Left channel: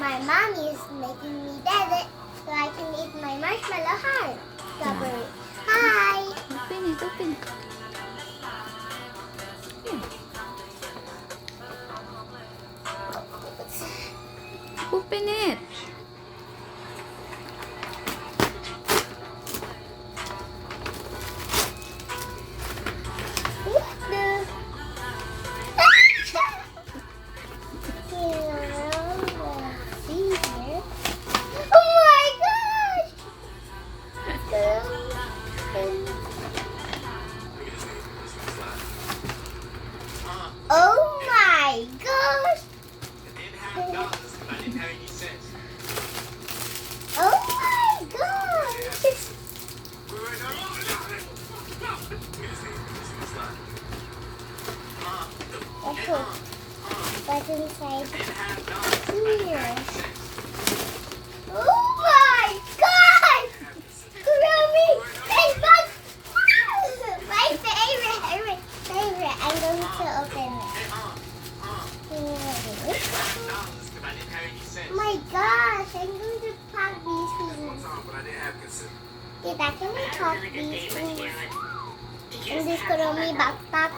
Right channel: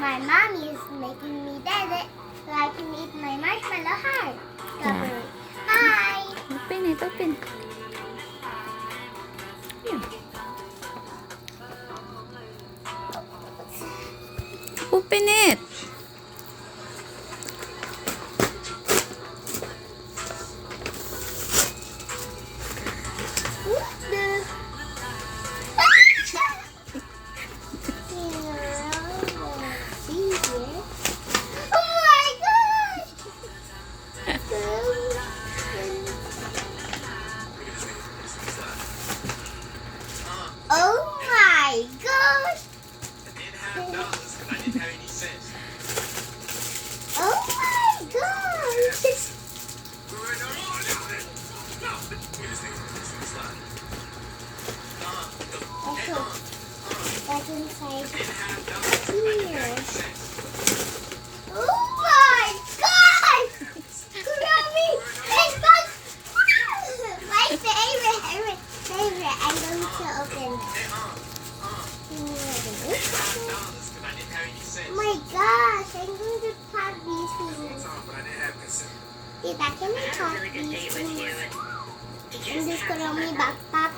My mommy is making me dead it so I can eat my marshmallow heart. Strawberry. Hi. Open it, open. Yeah. Open it. Oh my gosh! Oh my gosh! Let's go back inside here. Oh my gosh! Groovy! It's fun! My favorite. I'm going to open it. Oh my gosh, I'm going to pack these things. Tita, can I pack these things in this Kuromi backpack?